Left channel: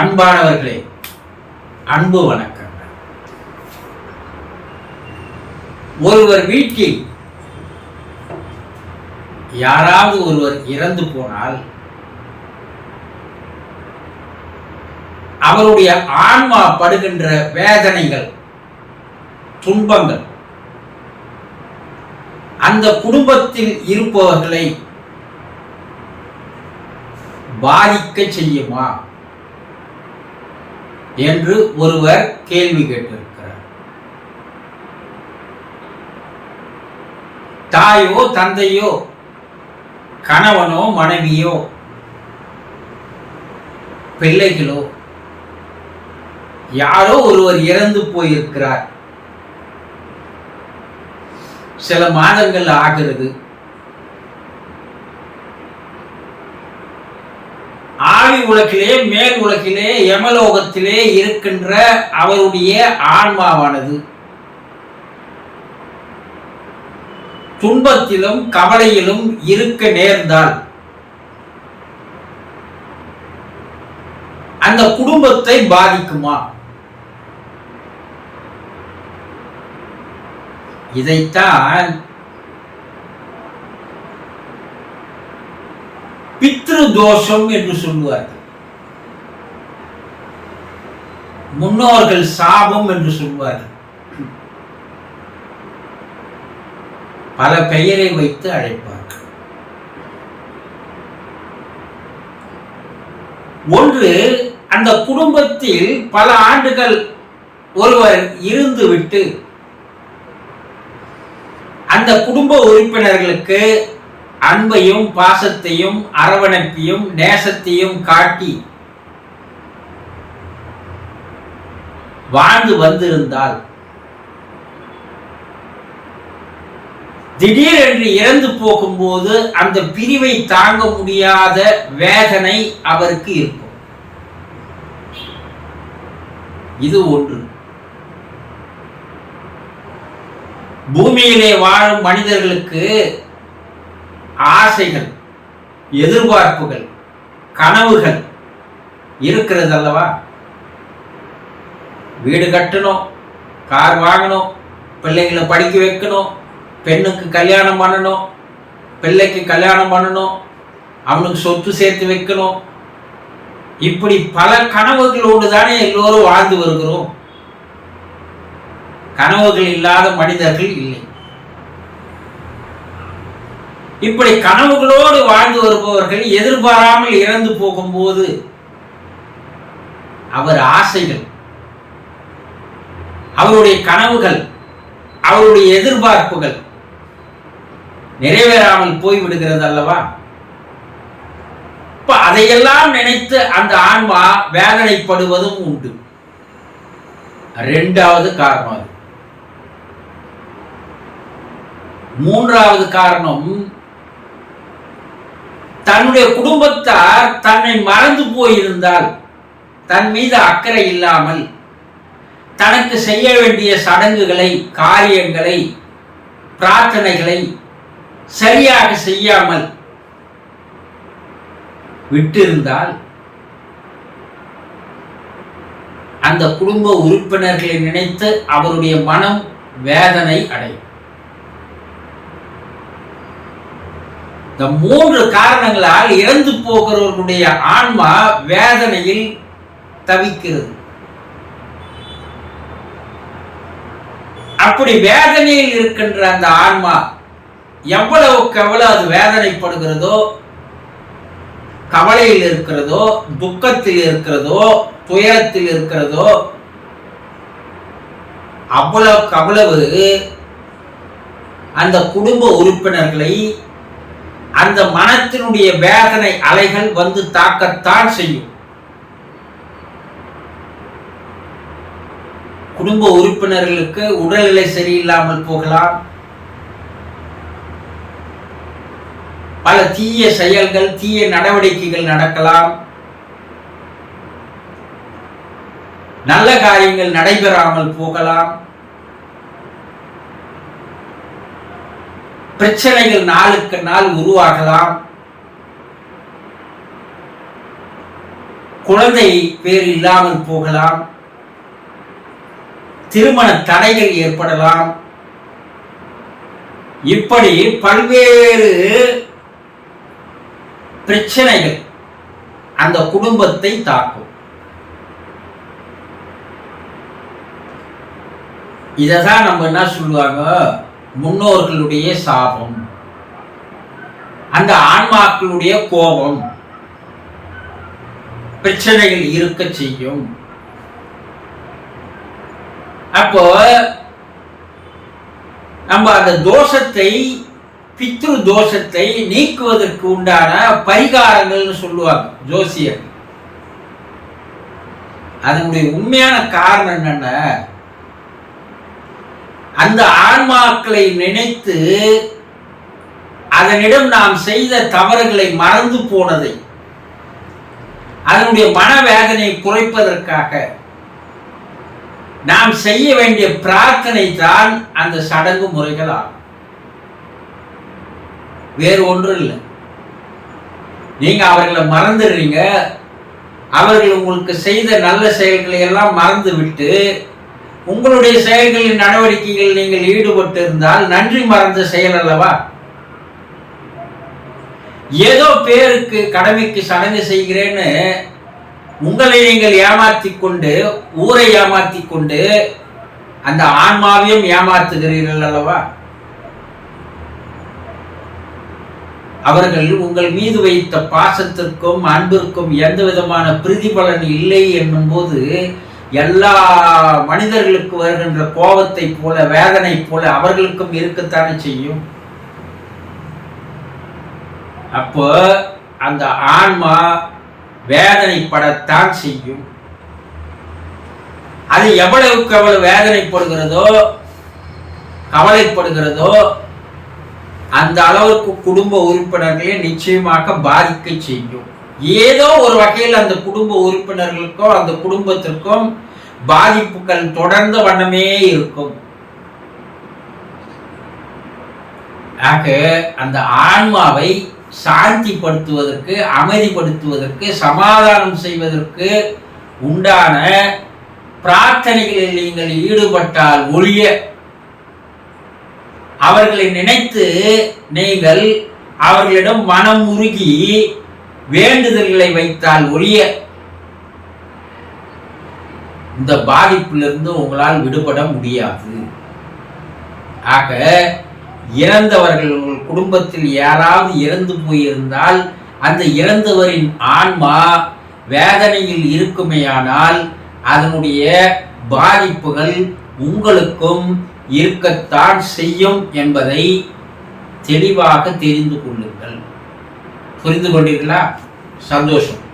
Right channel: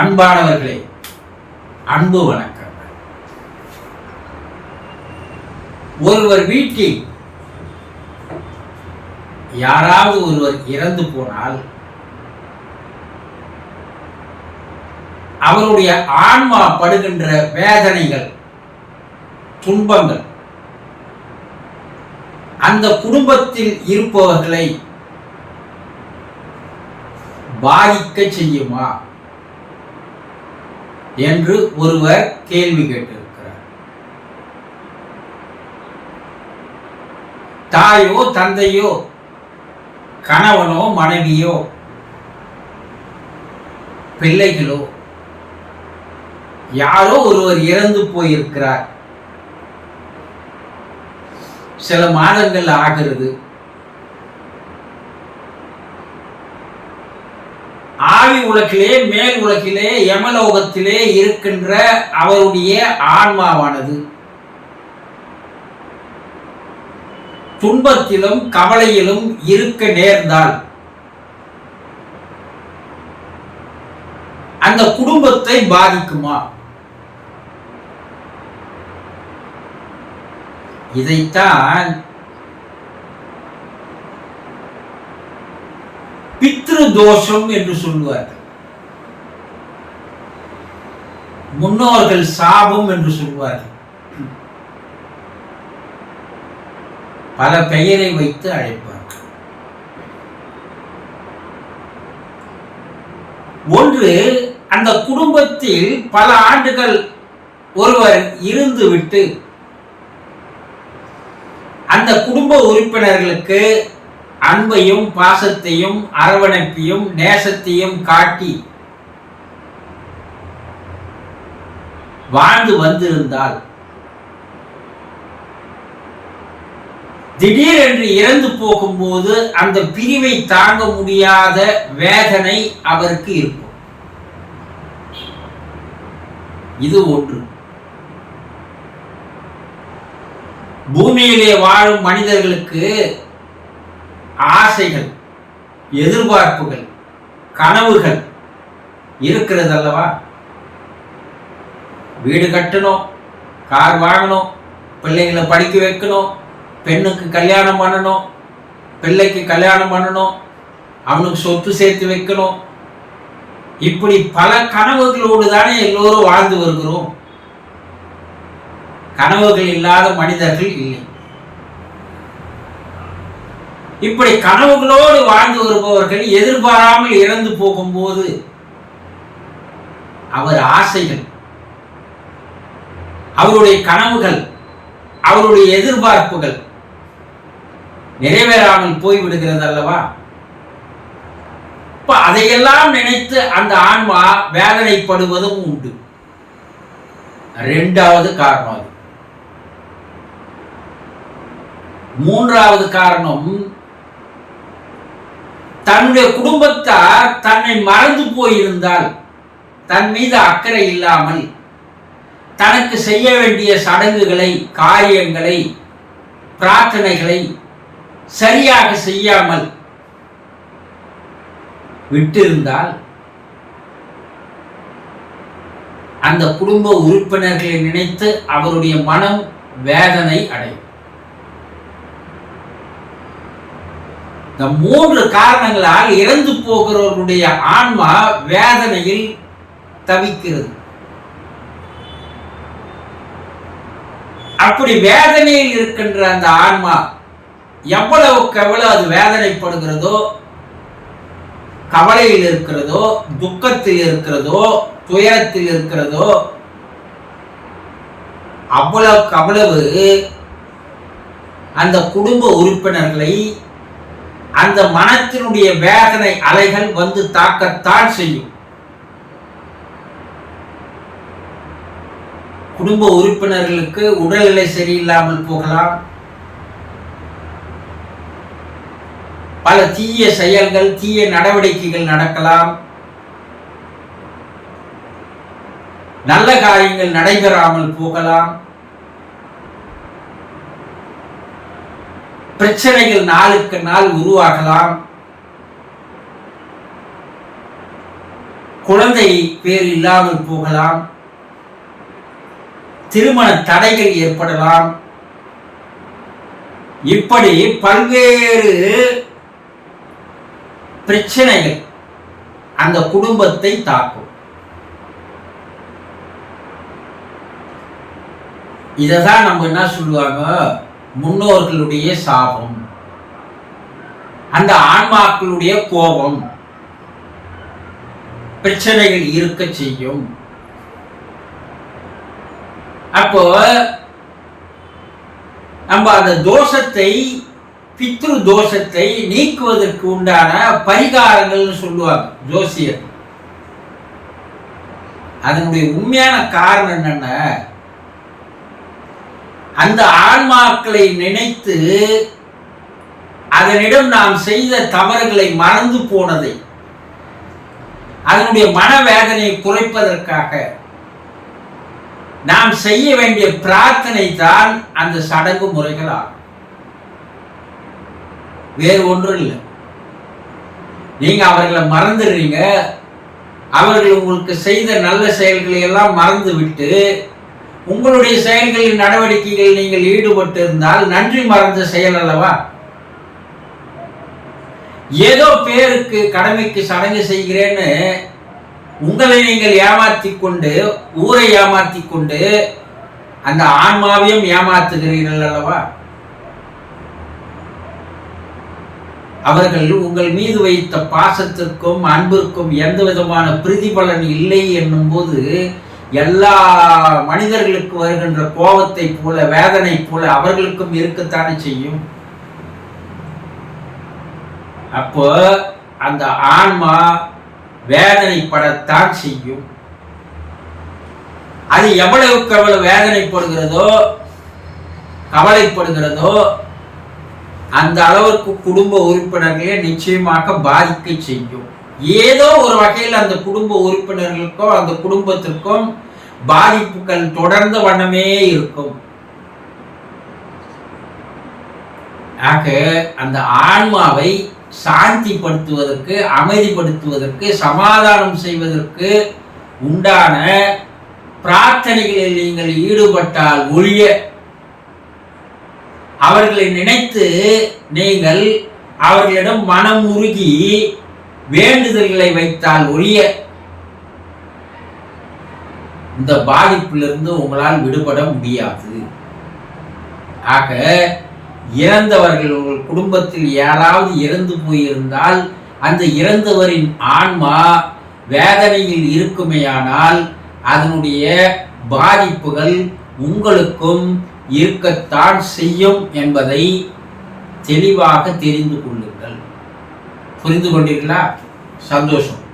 அன்பானவர்களே அன்பு வணக்கங்கள். ஒருவர் வீட்டில் யாராவது ஒருவர் இறந்து போனால் அவருடைய ஆன்மா படுகின்ற வேதனைகள் துன்பங்கள் அந்த குடும்பத்தில் இருப்பவர்களை பாதிக்க செய்யுமா? என்று ஒருவர் கேள்வி கேட்டிருக்கிறார். தாயோ தந்தையோ கணவனோ மனைவியோ பிள்ளைகளோ யாரோ ஒருவர் இறந்து போயிருக்கிறார். சில மாதங்கள் ஆகிறது. ஆவி உலகிலே மேல் உலகிலே யமலோகத்திலே இருக்கின்ற அவருடைய ஆன்மாவானது. துன்பத்திலும் கவலையிலும் இருக்க நேர்ந்தால் அந்த குடும்பத்தை பாதிக்குமா? இதைத்தான் பித்ரு தோஷம் என்று சொல்லுவார்கள். முன்னோர்கள் சாபம் என்று சொல்லுவார்கள். பல பெயரை வைத்து அழைப்பார்கள். ஒன்று அந்த குடும்பத்தில் பல ஆண்டுகள் ஒருவர் இருந்துவிட்டு அந்த குடும்ப உறுப்பினர்களுக்கு அன்பையும் பாசத்தையும் அரவணைப்பையும் நேசத்தையும் காட்டி வாழ்ந்து வந்திருந்தால் திடீரென்று இறந்து போகும்போது அந்த பிரிவை தாங்க முடியாத வேதனை அவருக்கு இருக்கும். இது ஒன்று. பூமியிலே வாழும் மனிதர்களுக்கு ஆசைகள் எதிர்பார்ப்புகள் கனவுகள் இருக்கிறது அல்லவா வீடு கட்டணும் கார் வாங்கணும் பிள்ளைங்களை படிக்க வைக்கணும் பெண்ணுக்கு கல்யாணம் பண்ணணும் பிள்ளைக்கு கல்யாணம் பண்ணணும் அவனுக்கு சொத்து சேர்த்து வைக்கணும். இப்படி பல கனவுகளோடு தானே எல்லோரும் வாழ்ந்து வருகிறோம். கனவுகள் இல்லாத மனிதர்கள் இல்லை. இப்படி கனவுகளோடு வாழ்ந்து வருபவர்கள் எதிர்பாராமல் இறந்து போகும்போது அவர் ஆசைகள் அவருடைய கனவுகள் அவருடைய எதிர்பார்ப்புகள் நிறைவேறாமல் போய்விடுகிறது அல்லவா இப்ப அதையெல்லாம் நினைத்து அந்த ஆன்மா வேதனைப்படுவதும் உண்டு. ரெண்டாவது காரணம் அது. மூன்றாவது காரணம் தன்னுடைய குடும்பத்தார் தன்னை மறந்து போயிருந்தால் தன் மீது அக்கறை இல்லாமல் தனக்கு செய்ய வேண்டிய சடங்குகளை காரியங்களை பிரார்த்தனைகளை சரியாக செய்யாமல் விட்டிருந்தால் அந்த குடும்ப உறுப்பினர்களை நினைத்து அவருடைய மனம் வேதனை அடையும். இந்த மூன்று காரணங்களால் இறந்து போகிறவர்களுடைய ஆன்மா வேதனையில் தவிக்கிறது. அப்படி வேதனையில் இருக்கின்ற அந்த ஆன்மா எவ்வளவுக்கு எவ்வளவு அது வேதனைப்படுகிறதோ கவலையில் இருக்கிறதோ துக்கத்தில் இருக்கிறதோ துயரத்தில் இருக்கிறதோ அவ்வளவுக்கு அவ்வளவு அந்த குடும்ப உறுப்பினர்களை அந்த மனத்தினுடைய வேதனை அலைகள் வந்து தாக்கத்தான் செய்யும். குடும்ப உறுப்பினர்களுக்கு உடல்நிலை சரியில்லாமல் போகலாம். பல தீய செயல்கள் தீய நடவடிக்கைகள் நடக்கலாம். நல்ல காரியங்கள் நடைபெறாமல் போகலாம். பிரச்சனைகள் நாளுக்கு நாள் உருவாகலாம். குழந்தை பேர் இல்லாமல் போகலாம். திருமண தடைகள் ஏற்படலாம். இப்படி பல்வேறு பிரச்சனைகள் அந்த குடும்பத்தை தாக்கும். இதை தான் நம்ம என்ன சொல்லுவாங்க? முன்னோர்களுடைய சாபம். அந்த ஆன்மாக்களுடைய கோபம் பிரச்சனைகள் இருக்க செய்யும். அப்போ நம்ம அந்த தோஷத்தை பித்ரு தோஷத்தை நீக்குவதற்கு உண்டான பரிகாரங்கள்னு சொல்லுவாங்க ஜோசியர். அதனுடைய உண்மையான காரணம் என்னன்னா அந்த ஆன்மாக்களை நினைத்து அதனிடம் நாம் செய்த தவறுகளை மறந்து போனதை அதனுடைய மனவேதனையை குறைப்பதற்காக நாம் செய்ய வேண்டிய பிரார்த்தனை தான் அந்த சடங்கு முறைகள் ஆகும். வேறு ஒன்றும் இல்லை. நீங்க அவர்களை மறந்துடுறீங்க. அவர்கள் உங்களுக்கு செய்த நல்ல செயல்களை எல்லாம் மறந்து விட்டு உங்களுடைய செயல்களின் நடவடிக்கைகள் நீங்கள் ஈடுபட்டு இருந்தால் நன்றி மறந்த செயல் அல்லவா? ஏதோ பேருக்கு கடமைக்கு சடங்கு செய்கிறேன்னு உங்களை நீங்கள் ஏமாற்றி கொண்டு ஊரை ஏமாற்றி கொண்டு அந்த ஆன்மாவையும் ஏமாத்துகிறீர்கள் அல்லவா? அவர்கள் உங்கள் மீது வைத்த பாசத்திற்கும் அன்பிற்கும் எந்த விதமான பிரதிபலன் இல்லை என்னும் போது எல்லா மனிதர்களுக்கு வருகின்ற கோபத்தை போல வேதனை போல அவர்களுக்கும் இருக்கத்தானே செய்யும்? அப்போ அந்த ஆன்மா வேதனைப்படத்தான் செய்யும். அது எவ்வளவுக்கு எவ்வளவு வேதனைப்படுகிறதோ கவலைப்படுகிறதோ அந்த அளவுக்கு குடும்ப உறுப்பினர்களே நிச்சயமாக பாதிக்க செய்யும். ஏதோ ஒரு வகையில் அந்த குடும்ப உறுப்பினர்களுக்கோ அந்த குடும்பத்திற்கும் பாதிப்புகள் தொடர்ந்த வண்ணமே இருக்கும். ஆக அந்த ஆன்மாவை சாந்திப்படுத்துவதற்கு அமைதிப்படுத்துவதற்கு சமாதானம் செய்வதற்கு உண்டான பிரார்த்தனைகளில் நீங்கள் ஈடுபட்டால் ஒழிய அவர்களை நினைத்து நீங்கள் அவர்களிடம் மனம் உருகி வேண்டுதல்களை வைத்தால் ஒழிய இந்த பாதிப்பிலிருந்து உங்களால் விடுபட முடியாது. ஆக இறந்தவர்கள் உங்கள் குடும்பத்தில் யாராவது இறந்து போயிருந்தால் அந்த இறந்தவரின் ஆன்மா வேதனையில் இருக்குமேயானால் அதனுடைய பாதிப்புகள் உங்களுக்கும் இருக்கத்தான் செய்யும் என்பதை தெளிவாக தெரிந்து கொள்ளுங்கள். புரிந்து கொண்டீர்களா? சந்தோஷம்.